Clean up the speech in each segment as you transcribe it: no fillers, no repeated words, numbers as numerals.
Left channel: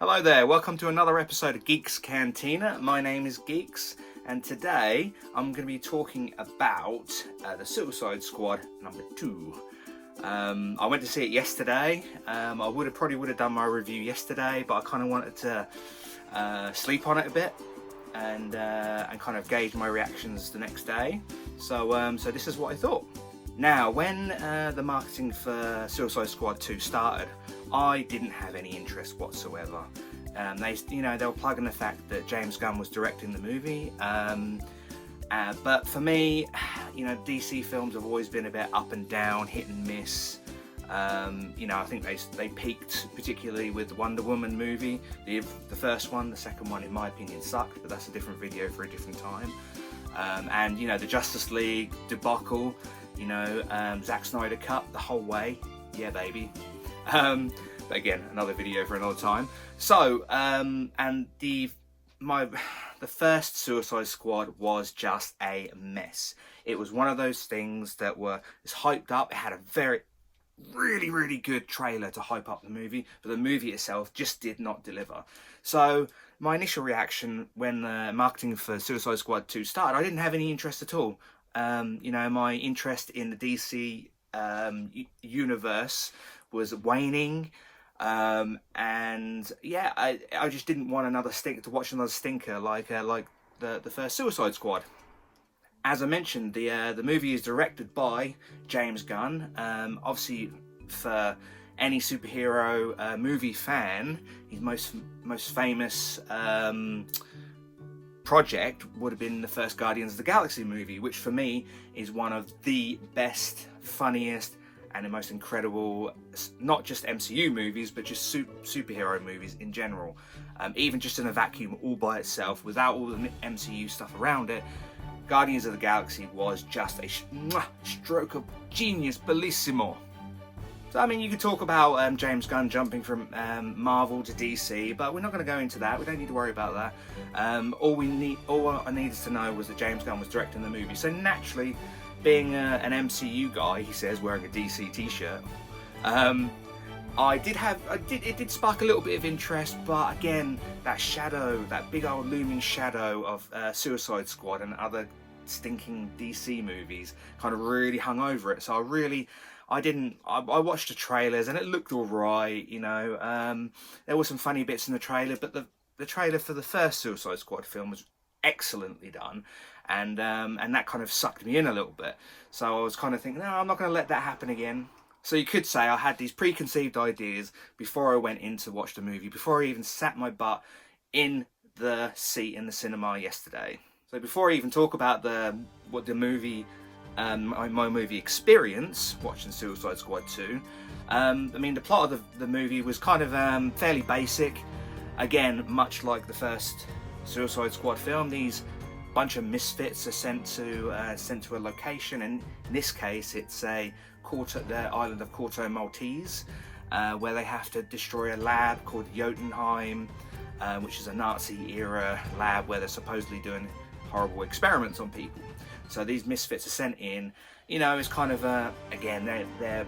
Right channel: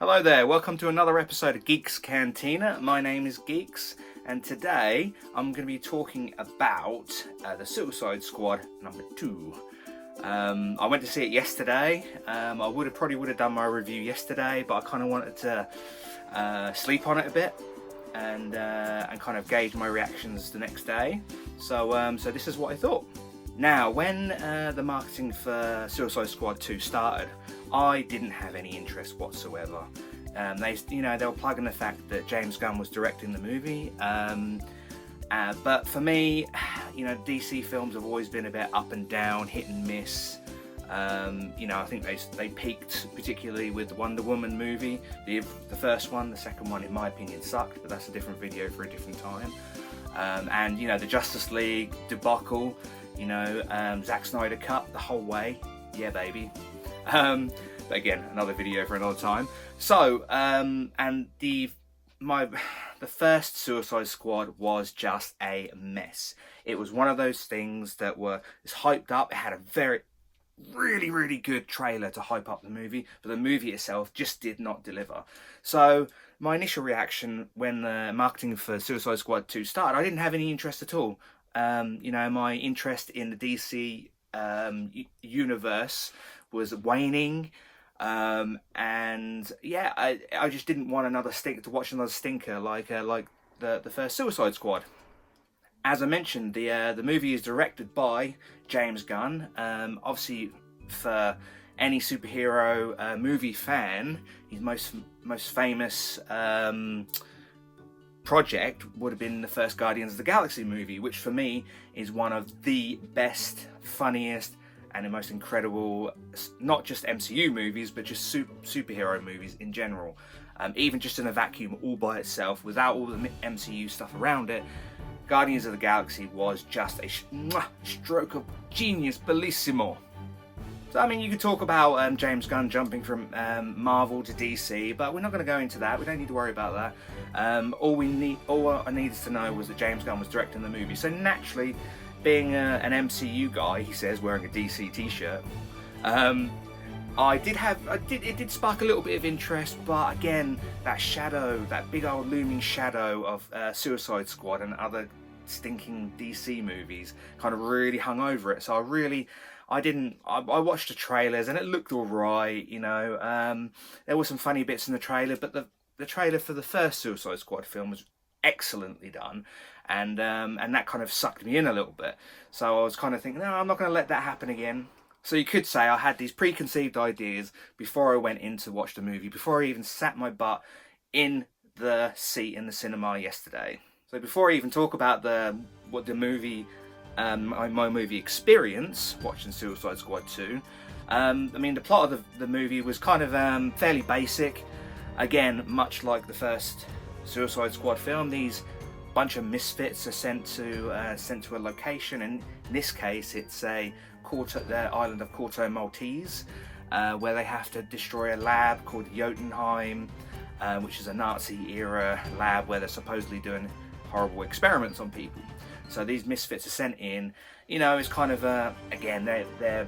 Hello there, welcome to another episode of Gekes Cantina. My name is Gekes, and today I'm going to be talking about The Suicide Squad number 2. I went to see it yesterday. I probably would have done my review yesterday, but I kind of wanted to sleep on it a bit and kind of gauge my reactions the next day. So this is what I thought. Now, when the marketing for Suicide Squad 2 started, I didn't have any interest whatsoever. They were plugging the fact that James Gunn was directing the movie. But for me, DC films have always been a bit up and down, hit and miss. I think they peaked particularly with the Wonder Woman movie, the first one. The second one, in my opinion, sucked, but that's a different video for a different time. And the Justice League debacle, Zack Snyder cut the whole way. Yeah, baby. But again, another video for another time. So, the first Suicide Squad was just a mess. It was one of those things that was hyped up. It had a really, really good trailer to hype up the movie, but the movie itself just did not deliver. So, my initial reaction when the marketing for Suicide Squad 2 started, I didn't have any interest at all. My interest in the DC universe was waning. I just didn't want to watch another stinker like the first Suicide Squad. As I mentioned, the movie is directed by James Gunn. Obviously, for any superhero movie fan, his most famous project would have been the first Guardians of the Galaxy movie, which for me is one of the best, funniest, and the most incredible, not just MCU movies, but just superhero movies in general. Even just in a vacuum all by itself, without all the MCU stuff around it, Guardians of the Galaxy was just a stroke of genius, bellissimo. So, you could talk about James Gunn jumping from Marvel to DC, but we're not going to go into that. We don't need to worry about that. All I needed to know was that James Gunn was directing the movie. So naturally, being an MCU guy, he says, wearing a DC t-shirt, it did spark a little bit of interest, but again, that big old looming shadow of Suicide Squad and other stinking DC movies kind of really hung over it. So I watched the trailers and it looked alright, there were some funny bits in the trailer, but the trailer for the first Suicide Squad film was excellently done. And that kind of sucked me in a little bit. So I was kind of thinking, no, I'm not going to let that happen again. So you could say I had these preconceived ideas before I went in to watch the movie, before I even sat my butt in the seat in the cinema yesterday. So before I even talk about my movie experience watching Suicide Squad 2, the plot of the movie was kind of fairly basic. Again, much like the first Suicide Squad film, these bunch of misfits are sent to a location, and in this case it's the island of Corto Maltese, where they have to destroy a lab called Jotunheim, which is a Nazi-era lab where they're supposedly doing horrible experiments on people. So these misfits are sent in. It's kind of again they're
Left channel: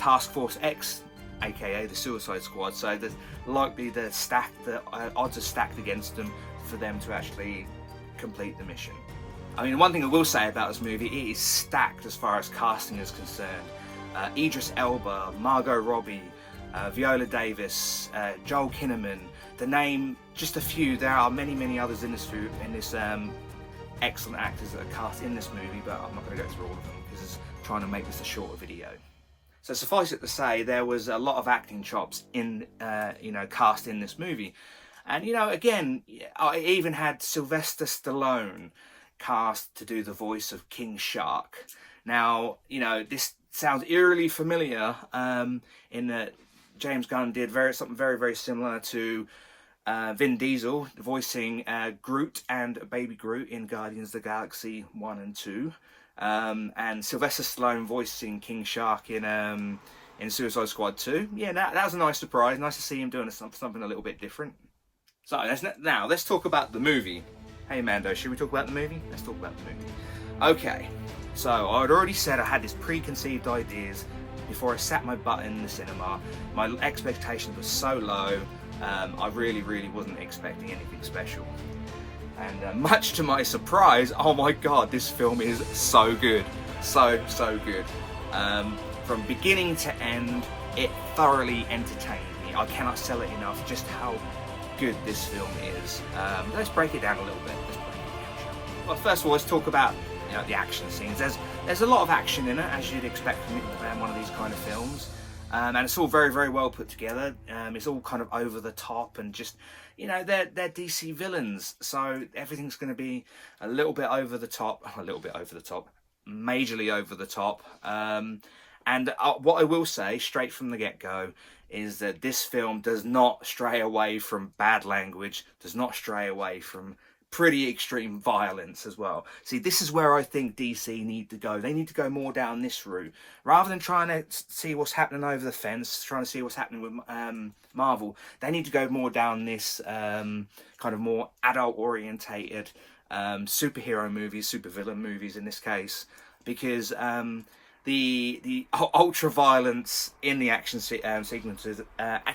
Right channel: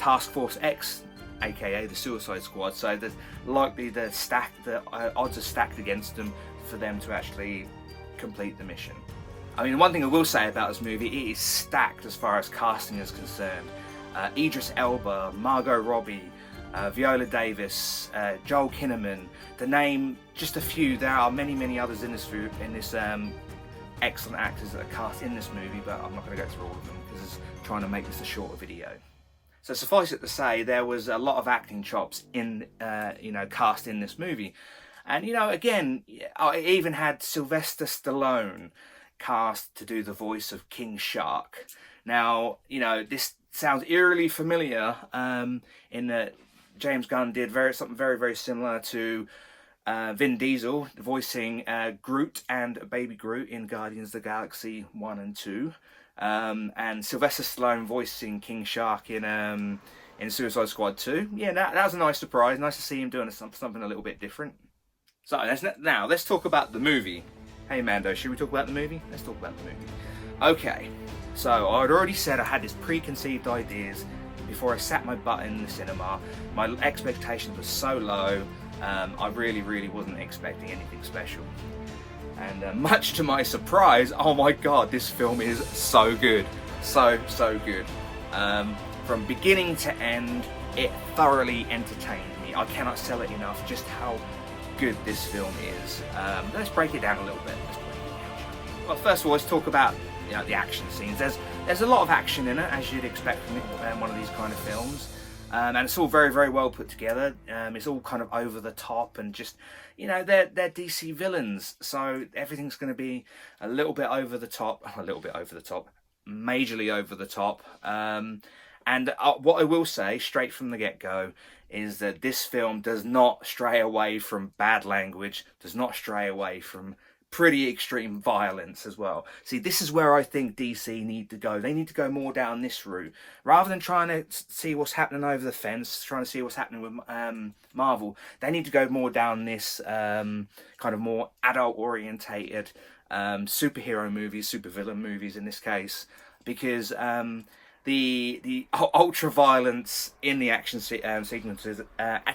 Task Force X, aka the Suicide Squad. So the odds are stacked against them for them to actually complete the mission. One thing I will say about this movie, it is stacked as far as casting is concerned. Idris Elba, Margot Robbie, Viola Davis, Joel Kinnaman, to name just a few. There are many others in this excellent actors that are cast in this movie, but I'm not going to go through all of them because it's trying to make this a shorter video. So suffice it to say, there was a lot of acting chops in cast in this movie. And, again, I even had Sylvester Stallone cast to do the voice of King Shark. Now, this sounds eerily familiar in that James Gunn did something very, very similar to Vin Diesel voicing Groot and Baby Groot in Guardians of the Galaxy 1 and 2. And Sylvester Stallone voicing King Shark in Suicide Squad 2. Yeah, that was a nice surprise. Nice to see him doing something a little bit different. So now let's talk about the movie. Hey Mando, should we talk about the movie? Let's talk about the movie. Okay, so I'd already said I had these preconceived ideas before I sat my butt in the cinema. My expectations were so low. I really wasn't expecting anything special. And much to my surprise, oh my god, this film is so good. So good. From beginning to end, it thoroughly entertained me. I cannot sell it enough just how good this film is. Let's break it down a little bit. Well, first of all, let's talk about the action scenes. There's a lot of action in it, as you'd expect from one of these kind of films. And it's all very well put together. It's all kind of over the top and just, they're DC villains, so everything's going to be a little bit over the top, majorly over the top. And what I will say straight from the get-go is that this film does not stray away from bad language, does not stray away from pretty extreme violence as well. See, this is where I think DC need to go. They need to go more down this route. Rather than trying to see what's happening over the fence, trying to see what's happening with Marvel, they need to go more down this kind of more adult-orientated superhero movies, supervillain movies in this case, because the ultra violence in the action sequences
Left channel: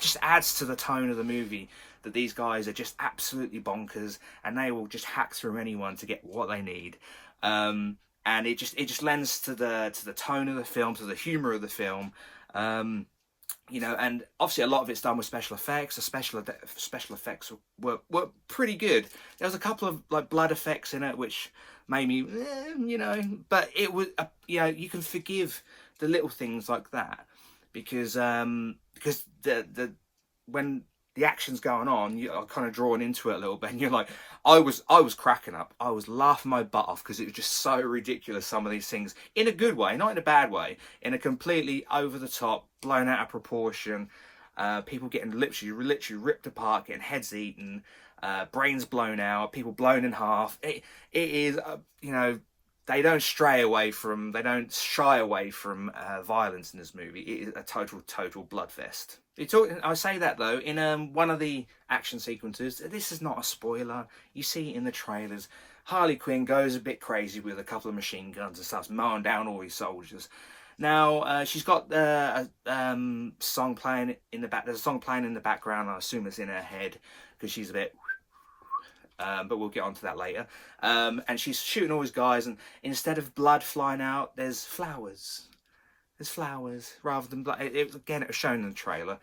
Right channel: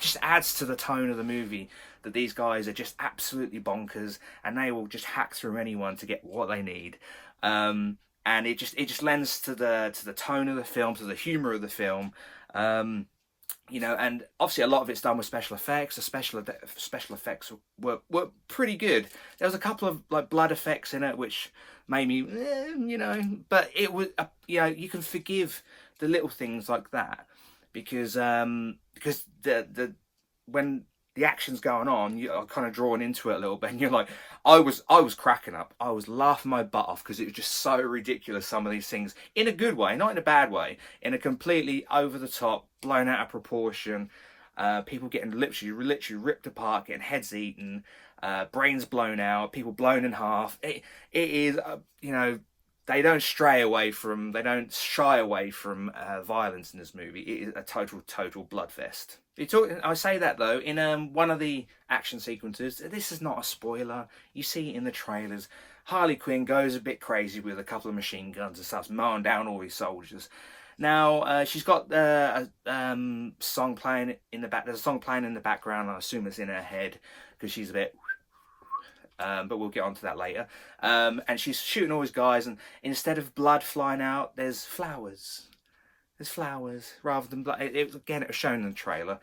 just adds to the tone of the movie. That these guys are just absolutely bonkers, and they will just hack through anyone to get what they need. And it just lends to the tone of the film, to the humor of the film. And obviously a lot of it's done with special effects. The special effects were pretty good. There was a couple of like blood effects in it which made me, but it was you can forgive the little things like that because the when the action's going on, you're kind of drawn into it a little bit, and you're like, I was cracking up. I was laughing my butt off because it was just so ridiculous, some of these things, in a good way, not in a bad way, in a completely over the top, blown out of proportion, people getting literally ripped apart, getting heads eaten, brains blown out, people blown in half. It is, they don't shy away from violence in this movie. It is a total bloodfest. I say that though, in one of the action sequences, this is not a spoiler, you see it in the trailers, Harley Quinn goes a bit crazy with a couple of machine guns and starts mowing down all these soldiers. Now, she's got a song playing in the back. There's a song playing in the background. I assume it's in her head because she's a bit... but we'll get onto that later. And she's shooting all these guys, and instead of blood flying out, there's flowers. There's flowers rather than blood. It was shown in the trailer,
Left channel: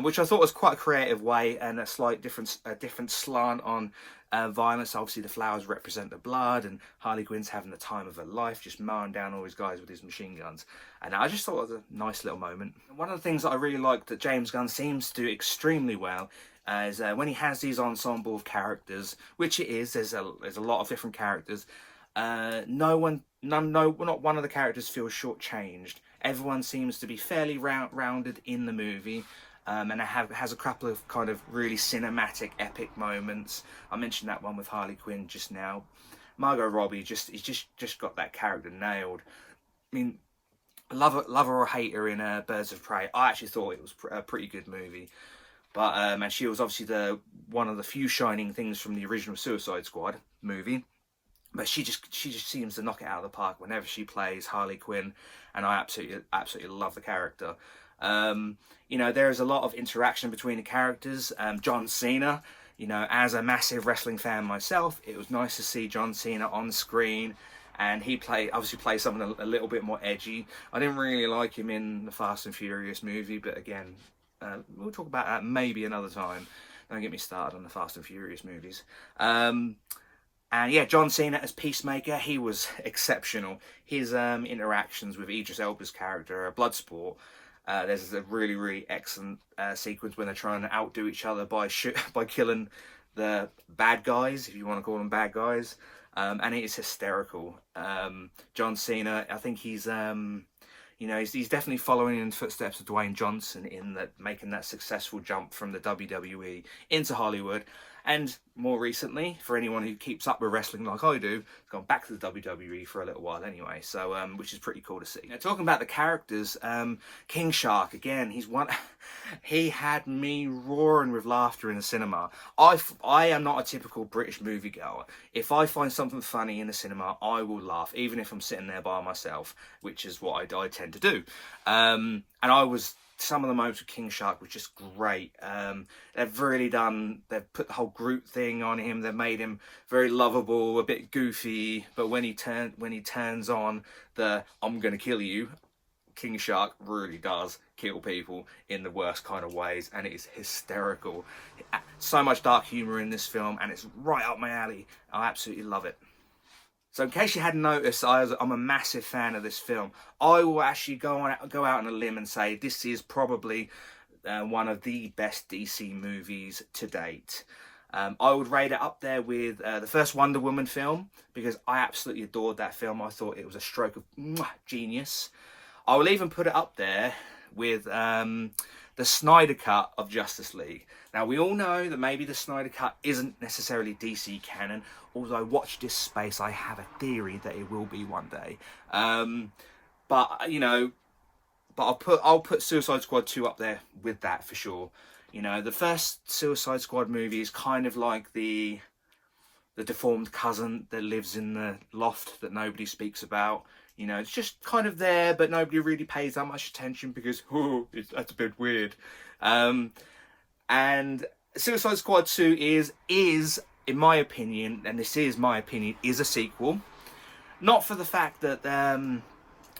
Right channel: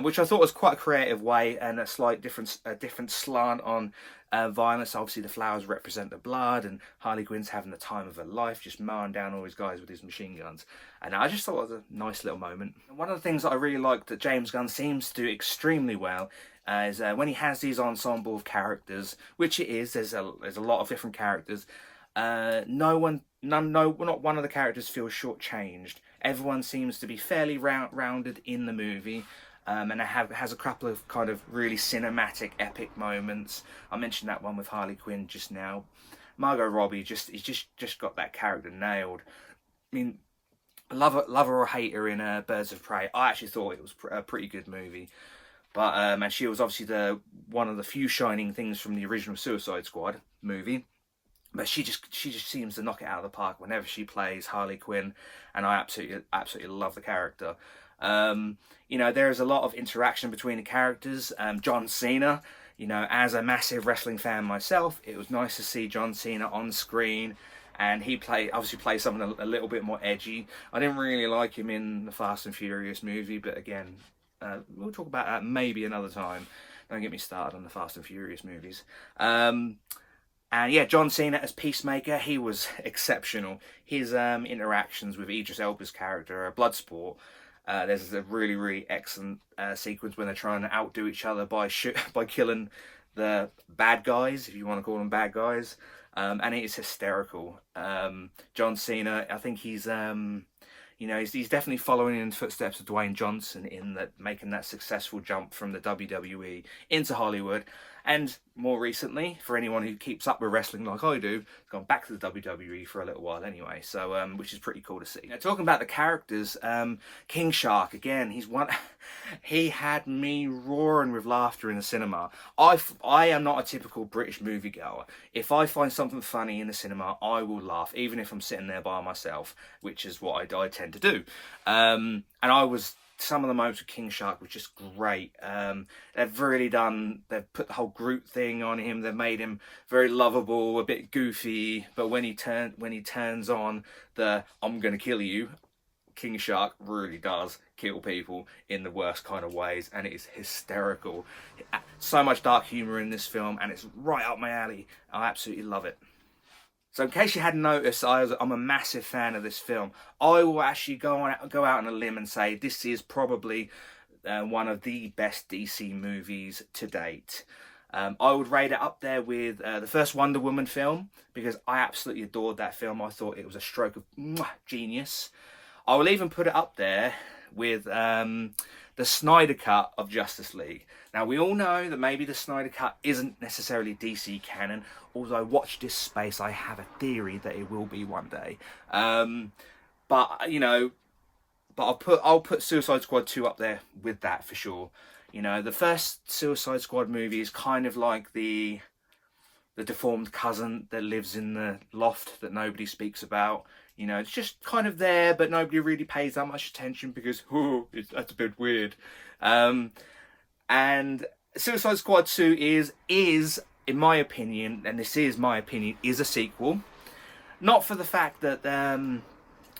which I thought was quite a creative way and a slight different slant on violence. Obviously, the flowers represent the blood, and Harley Quinn's having the time of her life, just mowing down all these guys with his machine guns. And I just thought it was a nice little moment. One of the things that I really liked that James Gunn seems to do extremely well is when he has these ensemble of characters, which it is. There's a lot of different characters. Not one of the characters feels shortchanged. Everyone seems to be fairly rounded in the movie, and it has a couple of kind of really cinematic, epic moments. I mentioned that one with Harley Quinn just now. Margot Robbie just got that character nailed. I mean, love her or hate her in Birds of Prey. I actually thought it was a pretty good movie. But and she was obviously one of the few shining things from the original Suicide Squad movie. But she just seems to knock it out of the park whenever she plays Harley Quinn, and I absolutely love the character. There is a lot of interaction between the characters. John Cena, as a massive wrestling fan myself, it was nice to see John Cena on screen, and he obviously plays something a little bit more edgy. I didn't really like him in the Fast and Furious movie, but again, we'll talk about that maybe another time. Don't get me started on the Fast and Furious movies. And yeah, John Cena as Peacemaker, he was exceptional. His interactions with Idris Elba's character, Bloodsport, there's a really excellent sequence when they're trying to outdo each other by killing the bad guys, if you want to call them bad guys, and it is hysterical. John Cena, I think he's definitely following in the footsteps of Dwayne Johnson in that making that successful jump from the WWE into Hollywood. And more recently, for anyone who keeps up with wrestling like I do, gone back to the WWE for a little while anyway, so which is pretty cool to see. Now, talking about the characters, King Shark, again, he had me roaring with laughter in the cinema. I am not a typical British moviegoer. If I find something funny in the cinema, I will laugh, even if I'm sitting there by myself, which is what I tend to do. And I was some of the moments with King Shark was just great. They've put the whole Groot thing on him. They've made him very lovable, a bit goofy, but when he turns on the "I'm gonna kill you," King Shark really does kill people in the worst kind of ways, and it is hysterical. So much dark humor in this film, and it's right up my alley. I absolutely love it. So in case you hadn't noticed, I'm a massive fan of this film. I will actually go out on a limb and say this is probably one of the best DC movies to date. I would rate it up there with the first Wonder Woman film, because I absolutely adored that film. I thought it was a stroke of genius. I will even put it up there with the Snyder Cut of Justice League. Now, we all know that maybe the Snyder Cut isn't necessarily DC canon, although watch this space, I have a theory that it will be one day. But, you know, I'll put Suicide Squad 2 up there with that for sure. You know, the first Suicide Squad movie is kind of like the deformed cousin that lives in the loft that nobody speaks about. You know, it's just kind of there, but nobody really pays that much attention because, that's a bit weird. And Suicide Squad 2 is, in my opinion, and this is my opinion, is a sequel. Not for the fact that,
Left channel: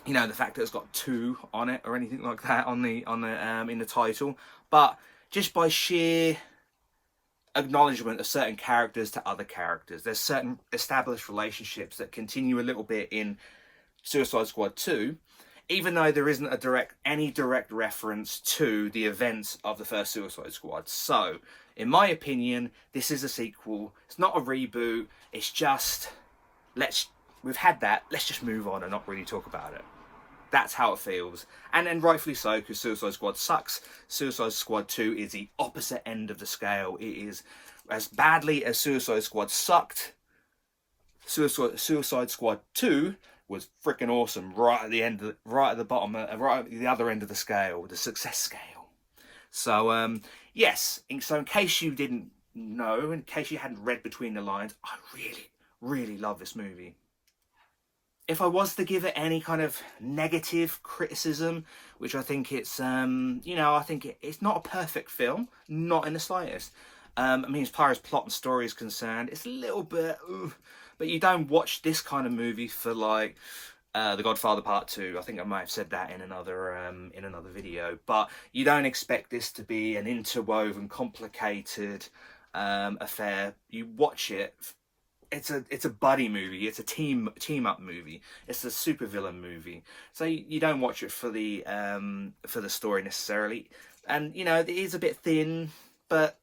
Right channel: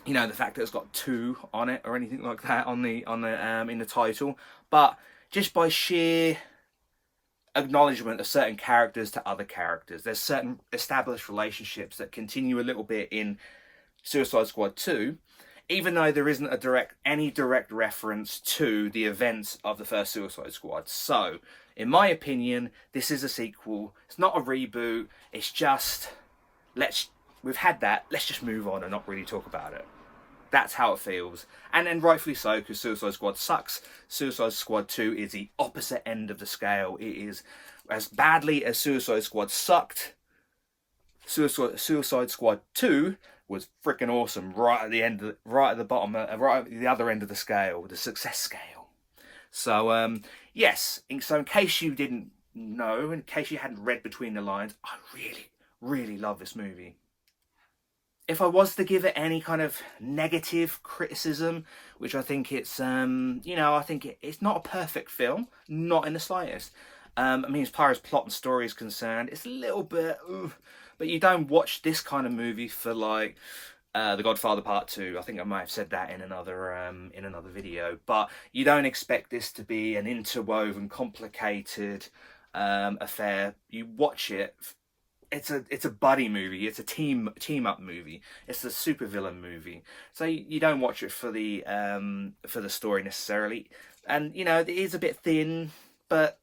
you know, the fact that it's got 2 on it or anything like that in the title, but just by sheer acknowledgement of certain characters to other characters. There's certain established relationships that continue a little bit in Suicide Squad 2, even though there isn't any direct reference to the events of the first Suicide Squad. So, in my opinion, this is a sequel. It's not a reboot. It's just, we've had that, let's just move on and not really talk about it. That's how it feels. And then rightfully so, because Suicide Squad sucks. Suicide Squad 2 is the opposite end of the scale. It is, as badly as Suicide Squad sucked, Suicide Squad 2 was freaking awesome, right at the other end of the scale, the success scale. So, yes, so in case you didn't know, in case you hadn't read between the lines, I really, really love this movie. If I was to give it any kind of negative criticism, which I think it's, you know, I think it's not a perfect film, not in the slightest. I mean, as far as plot and story is concerned, it's a little bit, but you don't watch this kind of movie for like The Godfather Part 2. I think I might have said that in another video. But you don't expect this to be an interwoven, complicated affair. You watch it. It's a buddy movie. It's a team up movie. It's a supervillain movie. So you don't watch it for the story necessarily. And you know, it is a bit thin, but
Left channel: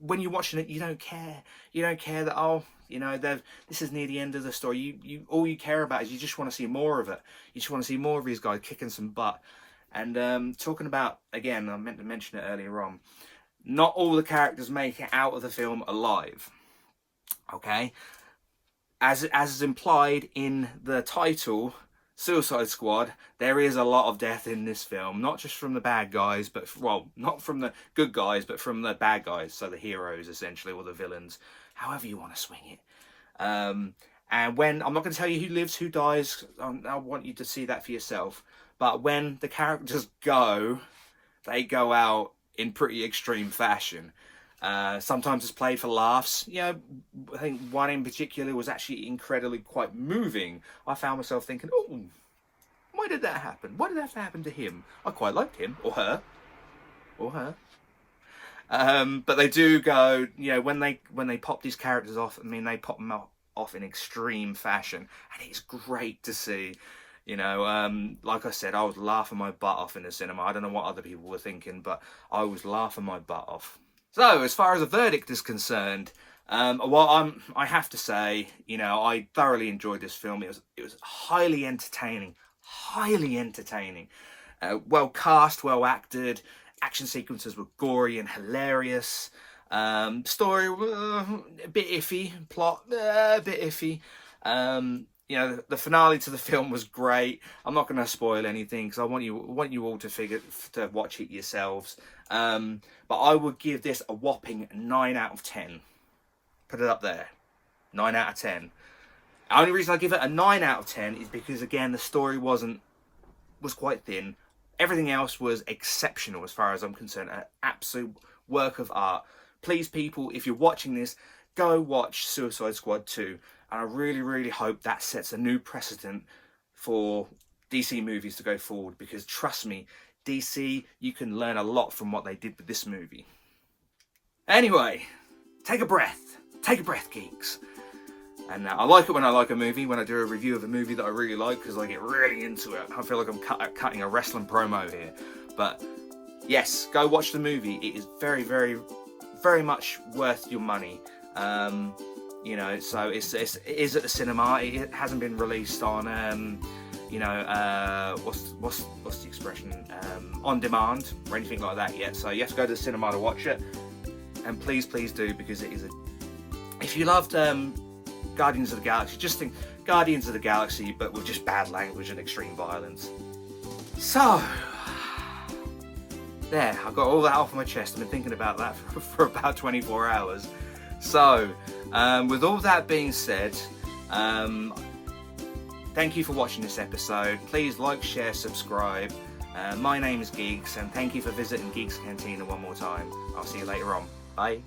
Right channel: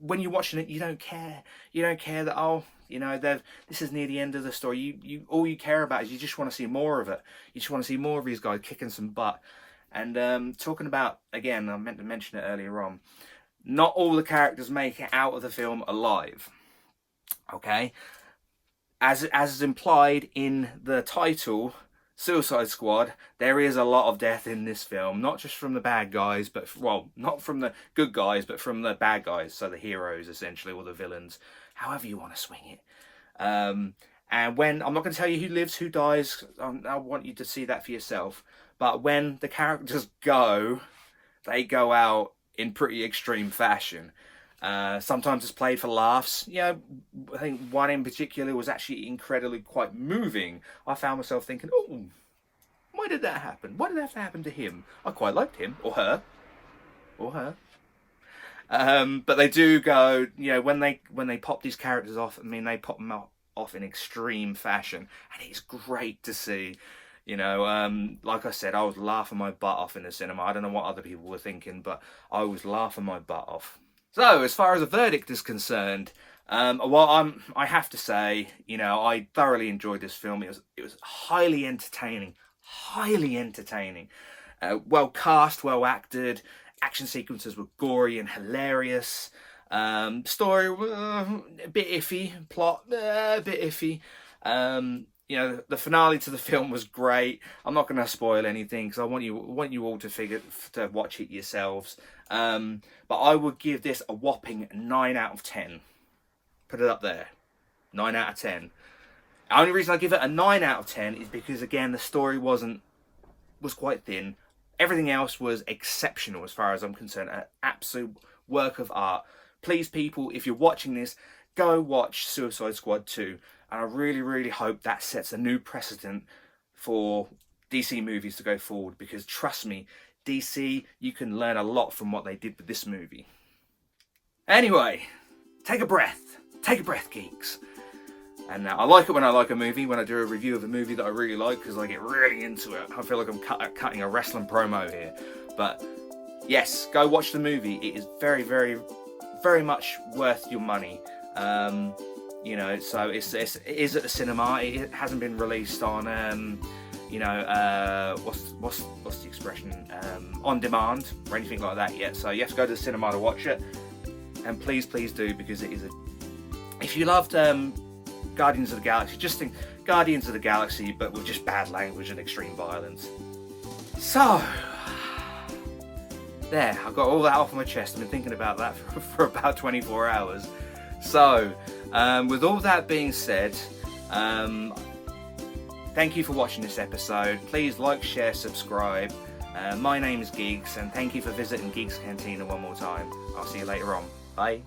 when you're watching it, you don't care. You don't care that, oh, you know, this is near the end of the story. You all you care about is you just want to see more of it. You just want to see more of these guys kicking some butt. And talking about, again, I meant to mention it earlier on, not all the characters make it out of the film alive. Okay? As is implied in the title, Suicide Squad, there is a lot of death in this film. Not just from the bad guys, but, well, not from the good guys, but from the bad guys. So the heroes, essentially, or the villains. However you want to swing it. And when, I'm not going to tell you who lives, who dies. I want you to see that for yourself. But when the characters go, they go out in pretty extreme fashion. Sometimes it's played for laughs. You know, I think one in particular was actually incredibly quite moving. I found myself thinking, oh, why did that happen? Why did that happen to him? I quite liked him, or her. But they do go, you know, when they pop these characters off, I mean, they pop them off in extreme fashion, and it's great to see. You know, like I said, I was laughing my butt off in the cinema. I don't know what other people were thinking, but I was laughing my butt off. So, as far as the verdict is concerned, I have to say, you know, I thoroughly enjoyed this film. It was highly entertaining. Well cast, well acted. Action sequences were gory and hilarious. Story, a bit iffy. Plot, a bit iffy. You know, the finale to the film was great. I'm not going to spoil anything because I want you all to watch it yourselves. But I would give this a whopping 9 out of 10. Put it up there. 9 out of 10. The only reason I give it a 9 out of 10 is because, again, the story was quite thin. everything else was exceptional as far as I'm concerned. An absolute work of art. Please, people, if you're watching this, go watch Suicide Squad 2. And I really, really hope that sets a new precedent for DC movies to go forward, because trust me, DC, you can learn a lot from what they did with this movie. Anyway, take a breath, geeks. And I like it when I like a movie, when I do a review of a movie that I really like, because I get really into it. I feel like I'm cutting a wrestling promo here. But yes, go watch the movie. It is very, very, very much worth your money. You know, so it is at the cinema. It hasn't been released on, you know, what's the expression? On demand or anything like that yet. So you have to go to the cinema to watch it. And please, please do, because it is if you loved Guardians of the Galaxy, just think Guardians of the Galaxy, but with just bad language and extreme violence. So, there, I've got all that off my chest. I've been thinking about that for about 24 hours. So, with all that being said, thank you for watching this episode. Please like, share, subscribe. My name is Gekes, and thank you for visiting Gekes Cantina one more time. I'll see you later on. Bye.